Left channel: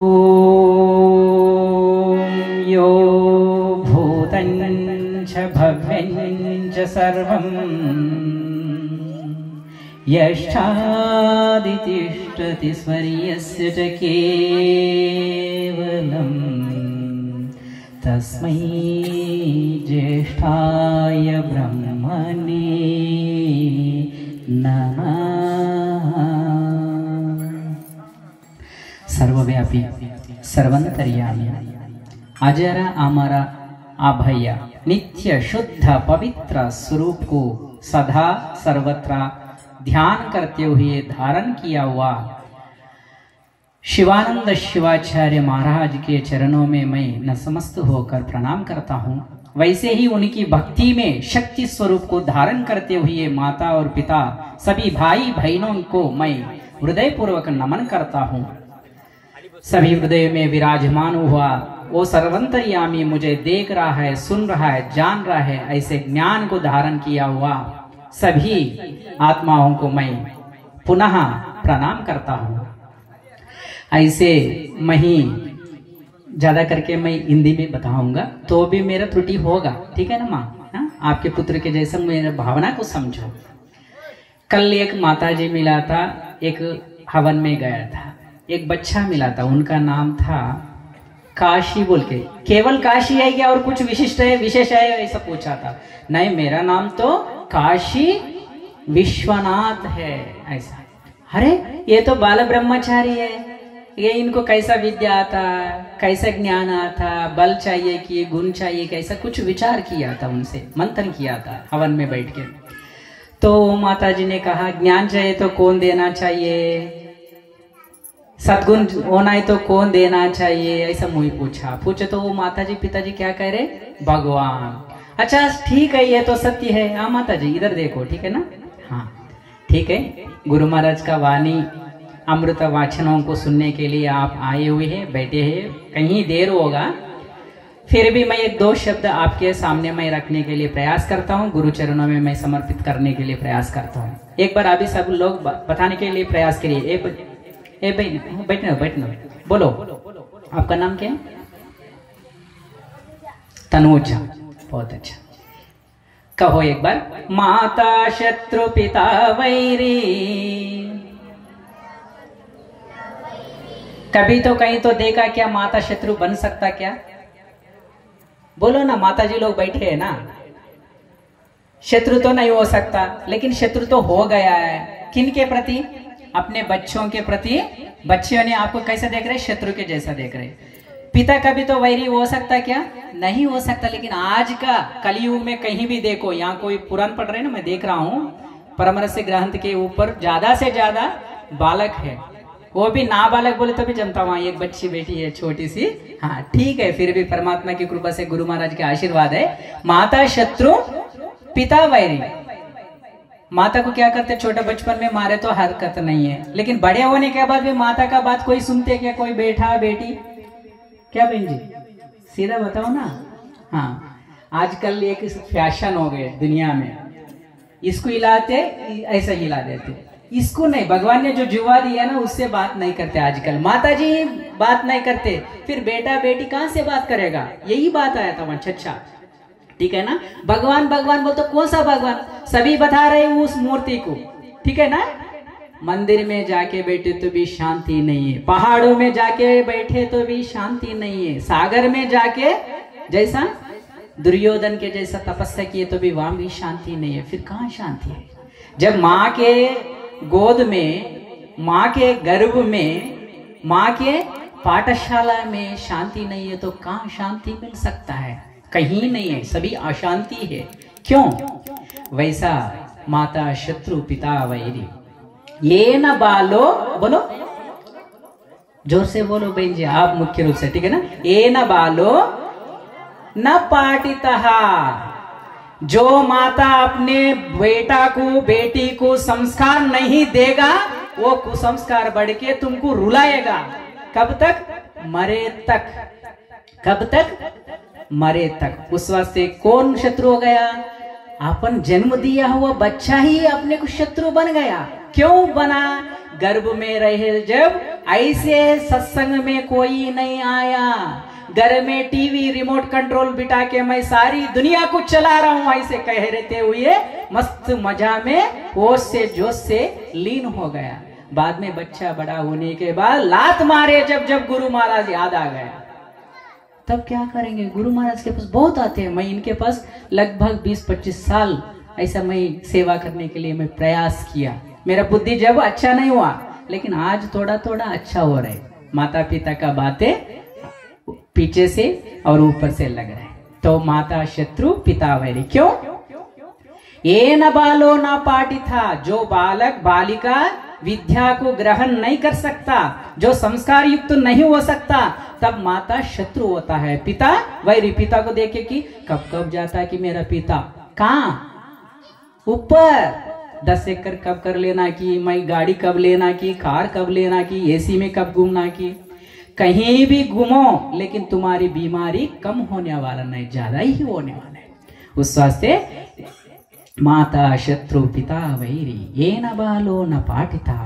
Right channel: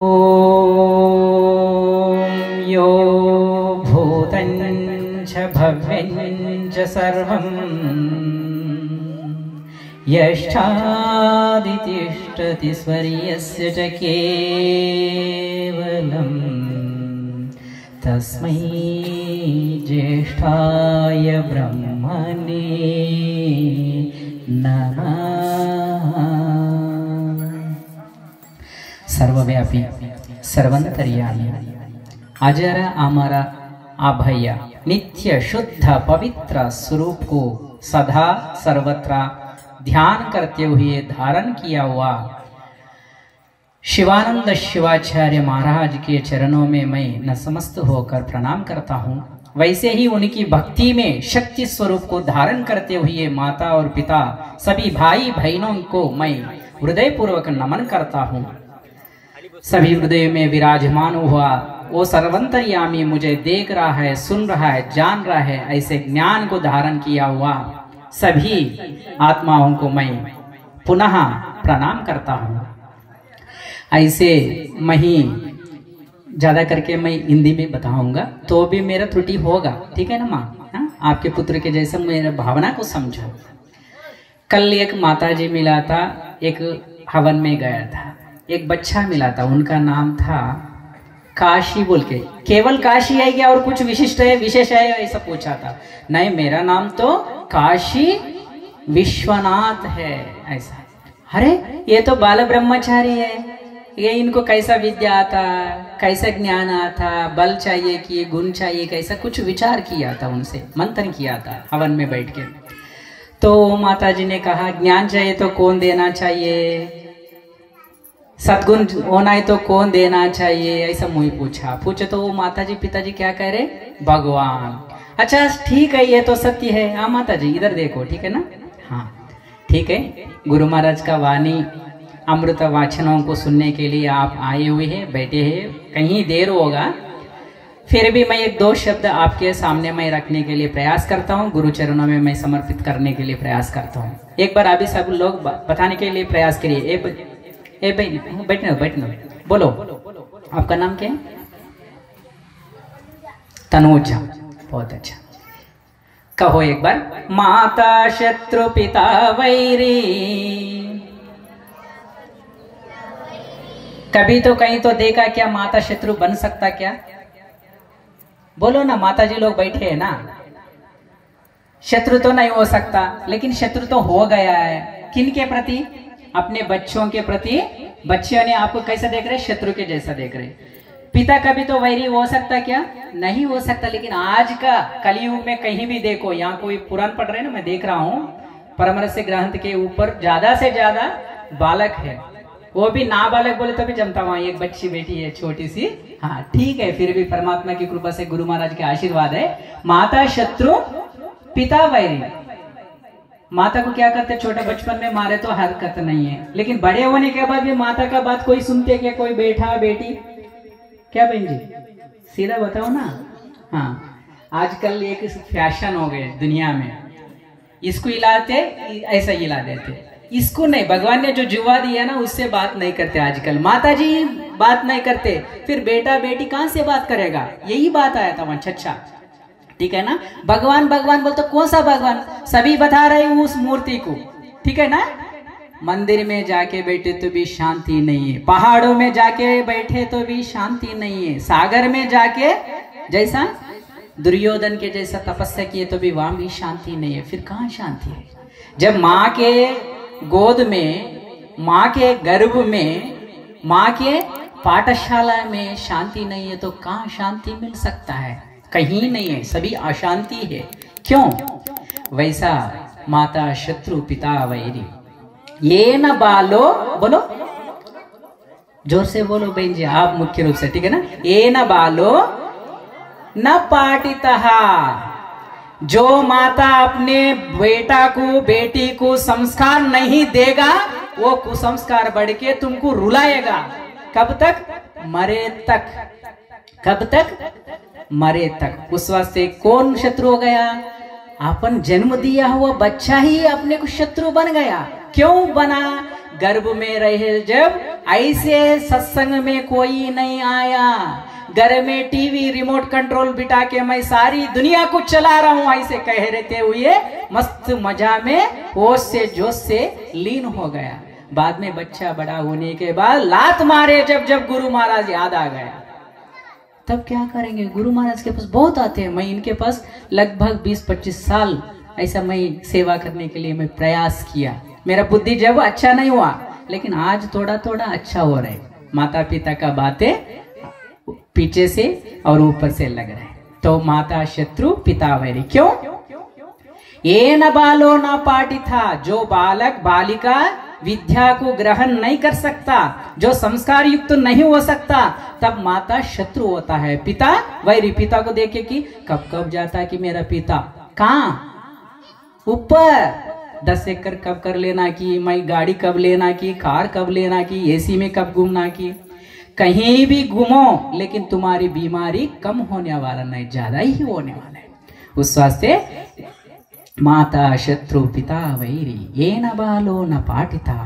ॐ यो भूतं च भव्यं च सर्वं यश्चादितिष्ठति स्वर्यस्य च केवलं तस्मै ज्येष्ठाय ब्रह्मणे नमः। सर्वव्यापी सर्वंतर्यामी अजर अमर अभय नित्य शुद्ध पवित्र स्वरूप को सदा सर्वत्र ध्यान करते हुए धारण किया हुआ शिवानंद शिवाचार्य महाराज के चरणों में मैं नतमस्तक होकर प्रणाम करता हूँ। वैसे ही उनकी भक्ति में शक्ति स्वरूप को धारण करते हुए माता और पिता सभी भाई बहनों को मैं हृदय पूर्वक नमन करता हूँ। सभी हृदय में विराजमान हुआ वो सर्वंतर्यामी मुझे देख रहा है, सुन रहा है, जान रहा है, ऐसे ज्ञान को धारण किया हुआ सभी आत्माओं को मैं पुनः प्रणाम करता हूँ। ऐसे मैं ही ज्यादा करके मैं हिंदी में बताऊंगा तो भी मेरा त्रुटि होगा, ठीक है ना माँ? आपके पुत्र के जैसे मेरा भावना को समझो। कल एक माताजी मिला था, एक हवन में गया था, एक बच्चा मिला था, उनका नाम था काशी बोल के। केवल काशी है क्या और कुछ विशिष्ट है, विशेष है, ऐसा पूछा था। नहीं, मेरा नाम तो काशी विश्वनाथ है, ऐसा। अरे ये तो बाल ब्रह्मचारी है, ये इनको कैसा विद्या आता, कैसा ज्ञान आता, बल चाहिए कि गुण चाहिए, कैसा कुछ विचार किया था, उनसे मंथन किया था हवन में बैठ के। तो माताजी ने कहा ज्ञान चाहिए तो कौन देना चाहिए, सद्गुण होना है तो कौन देना चाहिए, ऐसा मुझे पूछे तो वो माताजी पिताजी क्या कह रहे, भगवान। अच्छा ठीक है, ये तो सत्य है। हाँ माताजी इधर देखो, ठीक है ना? हाँ ठीक है। गुरु महाराज का वाणी अमृत वाचनों को सुनने के लिए आप आए हुए हैं, बैठे हैं, कहीं देर होगा, फिर भी मैं एक दो शब्द आपके सामने मैं रखने के लिए प्रयास करता हूँ, गुरु चरणों में मैं समर्पित करने के लिए प्रयास करता हूँ। एक बार अभी सब लोग बताने के लिए प्रयास करिए। बैठना बोलो, आपका नाम क्या है? तनुजा, बहुत अच्छा। कहो एक बार, माता शत्रु पिता वैरी। कभी तो कहीं तो देखा क्या माता शत्रु बन सकता क्या? बोलो ना, माताजी लोग बैठे हैं ना। शत्रु तो नहीं हो सकता, लेकिन शत्रु तो हो गया है। किन के प्रति? अपने बच्चों के प्रति। बच्चों ने आपको कैसा देख रहे? शत्रु के जैसा देख रहे। पिता कभी तो वैरी हो सकता क्या? नहीं हो सकता। लेकिन आज का कलयुग में कहीं भी देखो, यहाँ कोई पुराण पढ़ रहे ना, मैं देख रहा हूँ, परमरस्य ग्रंथ के ऊपर ज्यादा से ज्यादा बालक है, वो भी नाबालक बोले तो भी जमता। वहां एक बच्ची बेटी है छोटी सी। हाँ ठीक है, फिर भी परमात्मा की कृपा से गुरु महाराज के आशीर्वाद है। माता शत्रु पिता वैरी। माता को क्या करते, छोटे बचपन में मारे तो हरकत नहीं है, लेकिन बड़े होने के बाद भी माता का बात कोई सुनते क्या? कोई बेटा बेटी क्या? बहन जी सीधा बताओ ना। हाँ आजकल एक फैशन हो गए दुनिया में, इसको हिलाते ऐसा हिला देते, इसको नहीं। भगवान ने जो जुआ दिया ना उससे बात नहीं करते आजकल। माता जी बात नहीं करते, फिर बेटा बेटी कहां से बात करेगा? यही बात आया था वहां। अच्छा ठीक है ना? भगवान भगवान बोलते, कौन सा भगवान? सभी बता रहे उस मूर्ति को, ठीक है ना? मंदिर में जाके बैठे तो भी शांति नहीं है, पहाड़ों में जाके बैठे तो भी शांति नहीं है, सागर में जाके जैसा दुर्योधन के जैसा तपस्या किए तो भी वहां भी शांति नहीं है। फिर कहाँ शांति है? जब माँ के गोद में, माँ के गर्भ में, माँ के पाठशाला में शांति नहीं है तो कहाँ शांति मिल सकता है? कहीं नहीं है, सभी अशांति है। क्यों? वैसा माता शत्रु पिता वैरी। ये न बालो, बोलो जोर से बोलो बहन जी, आप मुख्य रूप से, ठीक है ना? ये न बालो न पाटितः। जो माता अपने बेटा को बेटी को संस्कार नहीं देगा, वो कुसंस्कार बढ़ के तुमको रुलाएगा। कब तक? मरे तक। कब तक? मरे तक। उस वास्ते कौन शत्रु हो गया? अपन जन्म दिया हुआ बच्चा ही अपने को शत्रु बन गया। क्यों बना? गर्भ में रहे जब ऐसे सत्संग में कोई नहीं आया। घर में टीवी रिमोट कंट्रोल बिठा के मैं सारी दुनिया को चला रहा हूं, ऐसे कह रहते हुए मस्त मजा में होश से जोश से लीन हो गया। बाद में बच्चा बड़ा होने के बाद लात मारे जब गुरु महाराज याद आ गया, तब क्या करेंगे? गुरु महाराज के पास बहुत आते हैं। मैं इनके पास लगभग 20-25 साल ऐसा मैं सेवा करने के लिए मैं प्रयास किया। मेरा बुद्धि जब अच्छा नहीं हुआ, लेकिन आज थोड़ा थोड़ा अच्छा हो रहा है। माता पिता का बातें पीछे से और ऊपर से लग रहे। तो माता शत्रु पिता वैरी। क्यों? ये न बालो न पाठी था, जो बालक बालिका विद्या को ग्रहण नहीं कर सकता, जो संस्कार युक्त नहीं हो सकता, तब माता शत्रु होता है, पिता वैरी। पिता को देखे कि कब कब जाता है कि मेरा पिता कहाँ ऊपर 10 एकड़ कब कर लेना की, मैं गाड़ी कब लेना की, कार कब लेना की, एसी में कब घूमना की। कहीं भी घूमो, लेकिन तुम्हारी बीमारी कम होने वाला नहीं, ज्यादा ही होने वाला है। उस वास्ते माता शत्रु पिता वैरी, ये न बालो न पाठिता,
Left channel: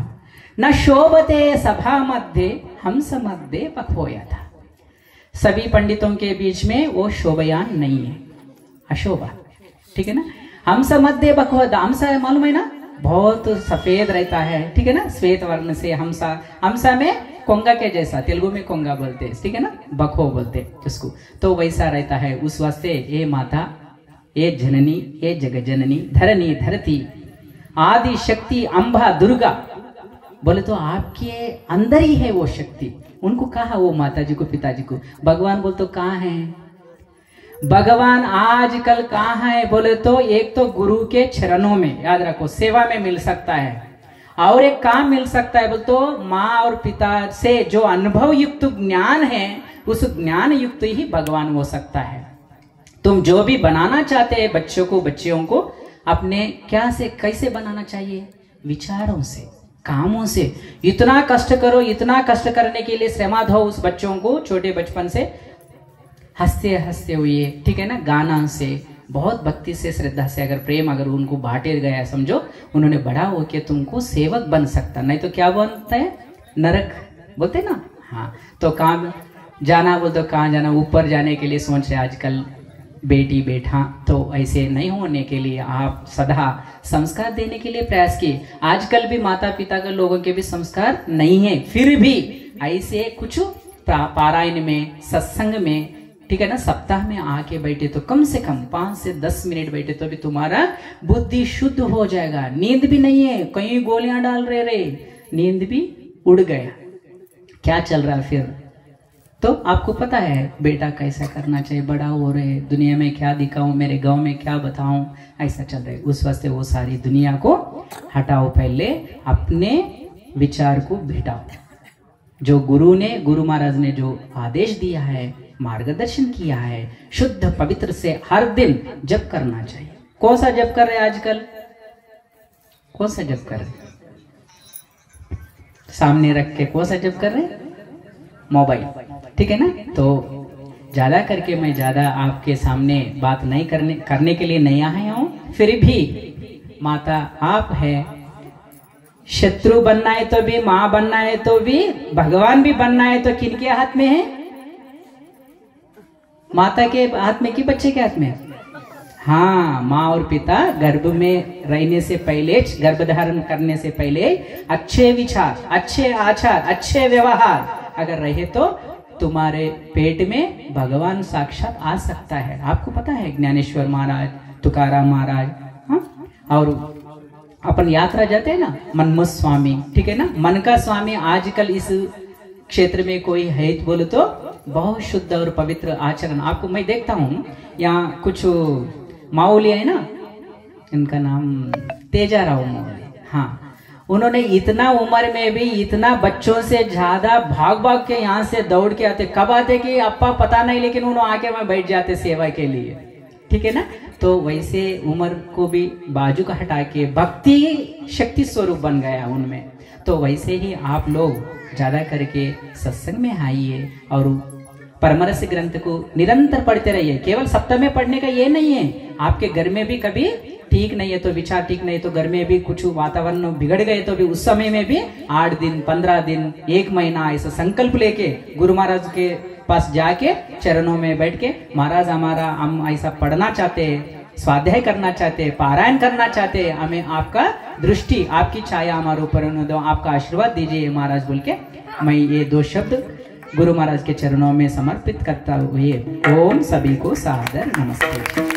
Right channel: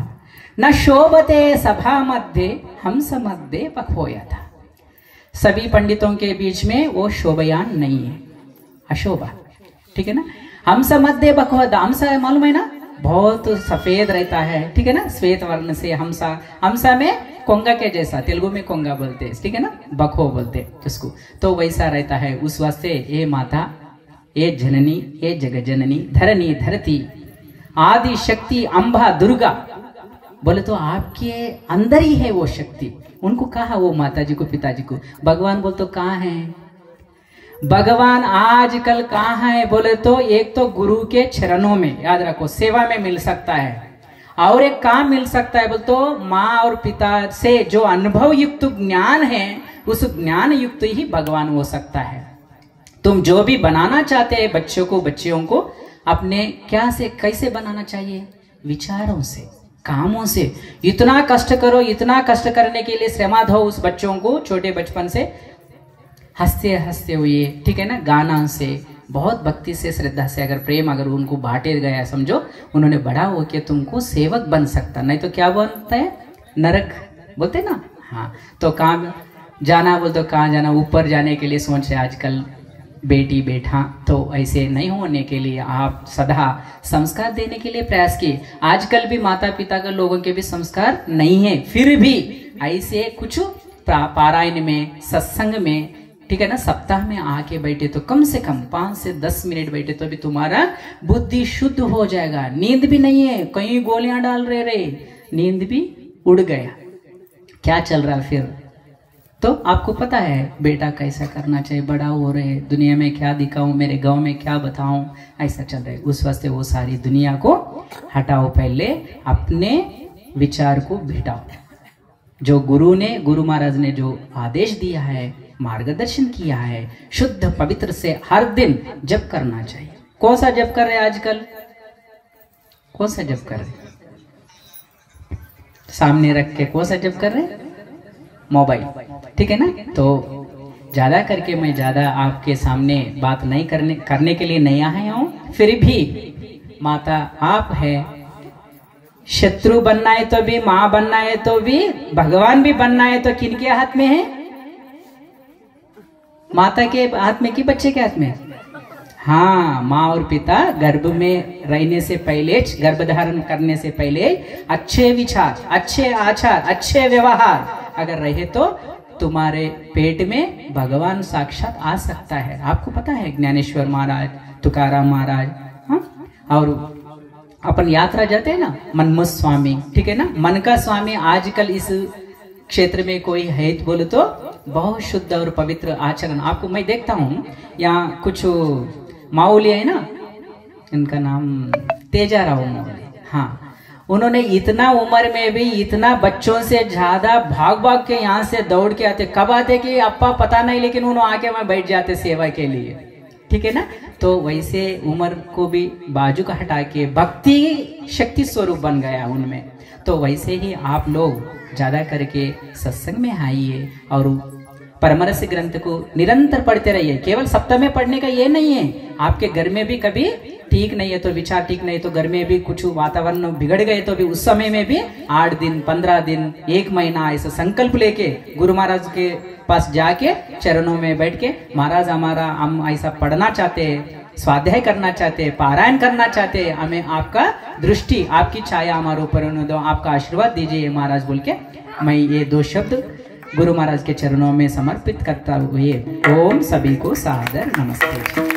न शोभते सभा मध्य हंस मध्य बखोया था। सभी पंडितों के बीच में वो शोभयान नहीं है, अशोभा, ठीक है ना। हंस मध्य बखोया, हंस मालूम है ना, बहुत सफेद रहता है, ठीक है ना, श्वेत वर्ण से हंसा। हंसा में कोंगा के जैसा, तेलुगु में कोंगा बोलते हैं, ठीक है ना, बखो बोलते हैं जिसको, तो वैसा रहता है। उस वास्ते ये माता, ये जननी, ये जगत जननी, धरनी धरती, आदि शक्ति अंबा दुर्गा बोले तो आपके अंदर ही है वो शक्ति। उनको कहा वो माता जी को, पिताजी को। भगवान बोले तो कहाँ है भगवान? आजकल कहाँ है बोले तो एक तो गुरु के चरणों में, याद रखो, सेवा में मिल सकता है, और एक काम मिल सकता है बोले तो माँ और पिता से जो अनुभव युक्त ज्ञान है, उस ज्ञान युक्त ही भगवान हो सकता है। तुम जो भी बनाना चाहते हैं बच्चों को, बच्चियों को, अपने क्या से कैसे बनाना चाहिए? विचारों से, कामों से। इतना कष्ट करो, इतना कष्ट करने के लिए श्रम दो उस बच्चों को छोटे बचपन से, हंसते हंसते हुए, ठीक है ना, गाना से, बहुत भक्ति से, श्रद्धा से, अगर प्रेम अगर उनको बांटे गया, समझो उन्होंने बड़ा होके तुमको सेवक बन सकता। नहीं तो क्या बनता है? नरक बोलते ना। हाँ, तो कहाँ जाना बोलते, कहाँ जाना? ऊपर जाने के लिए सोच रहे आजकल बेटी बेटा, तो ऐसे नहीं होने के लिए आप सदा संस्कार देने के लिए प्रयास किए। आजकल भी माता पिता के लोगों के भी संस्कार नहीं है, फिर भी ऐसे कुछ पारायण में, सत्संग में, ठीक है ना, सप्ताह में आके बैठे तो कम से कम 5 से 10 मिनट बैठे तो भी तुम्हारा बुद्धि शुद्ध हो जाएगा। नींद भी नहीं है, कहीं गोलियां डाल रहे, नींद भी उड़ गया, क्या चल रहा फिर? तो आपको पता है बेटा कैसा करना चाहिए, बड़ा हो रहे, दुनिया में क्या दिखाऊं, मेरे गांव में क्या बताऊं, ऐसा चल रहा है। उस वास्ते वो सारी दुनिया को हटाओ, पहले अपने विचार को भेटाओ। जो गुरु महाराज ने जो आदेश दिया है, मार्गदर्शन किया है, शुद्ध पवित्र से हर दिन जप करना चाहिए। कौन सा जप कर रहे आजकल? कौन सा जप कर रहे? सामने रख के कौन सा जप कर रहे? मोबाइल, ठीक है ना। तो ज्यादा करके मैं ज्यादा आपके सामने बात नहीं करने के लिए नहीं आया हूं, फिर भी माता आप है। शत्रु बनना है तो भी, माँ बनना है तो भी, भगवान भी बनना है तो किनके हाथ में है? माता के हाथ में कि बच्चे के हाथ में? हाँ, माँ और पिता गर्भ में रहने से पहले, गर्भ धारण करने से पहले अच्छे विचार, अच्छे आचार, अच्छे व्यवहार अगर रहे तो तुम्हारे पेट में भगवान साक्षात आ सकता है। आपको पता है ज्ञानेश्वर महाराज, तुकाराम महाराज, और अपन यात्रा जाते हैं ना, मनमुख स्वामी, ठीक है ना, मन का स्वामी। आजकल इस क्षेत्र में कोई है बोले तो बहुत शुद्ध और पवित्र आचरण। आपको मैं देखता हूँ यहाँ कुछ माऊली है ना, इनका नाम तेजाराव माऊली, हाँ, उन्होंने इतना उम्र में भी इतना बच्चों से ज्यादा भाग भाग के यहाँ से दौड़ के आते। कब आते कि अप्पा पता नहीं, लेकिन उन्होंने आके वहां बैठ जाते सेवा के लिए, ठीक है ना। तो वैसे उम्र को भी बाजू का हटा के भक्ति शक्ति स्वरूप बन गया उनमें। तो वैसे ही आप लोग ज्यादा करके सत्संग में आइए और परमरस ग्रंथ को निरंतर पढ़ते रहिए। केवल सप्ताह में पढ़ने का ये नहीं है, आपके घर में भी कभी ठीक नहीं है तो विचार ठीक नहीं तो घर में भी कुछ वातावरण बिगड़ गए तो भी उस समय में भी 8 दिन 15 दिन 1 महीना ऐसा संकल्प लेके गुरु महाराज के पास जाके चरणों में बैठ के महाराज हमारा हम ऐसा पढ़ना चाहते हैं, स्वाध्याय करना चाहते हैं, पारायण करना चाहते हैं, हमें आपका दृष्टि आपकी छाया हमारे ऊपर दो, आपका आशीर्वाद दीजिए महाराज बोल के मैं ये 2 शब्द गुरु महाराज के चरणों में समर्पित करता हुए ओम सभी को सादर नमस्ते।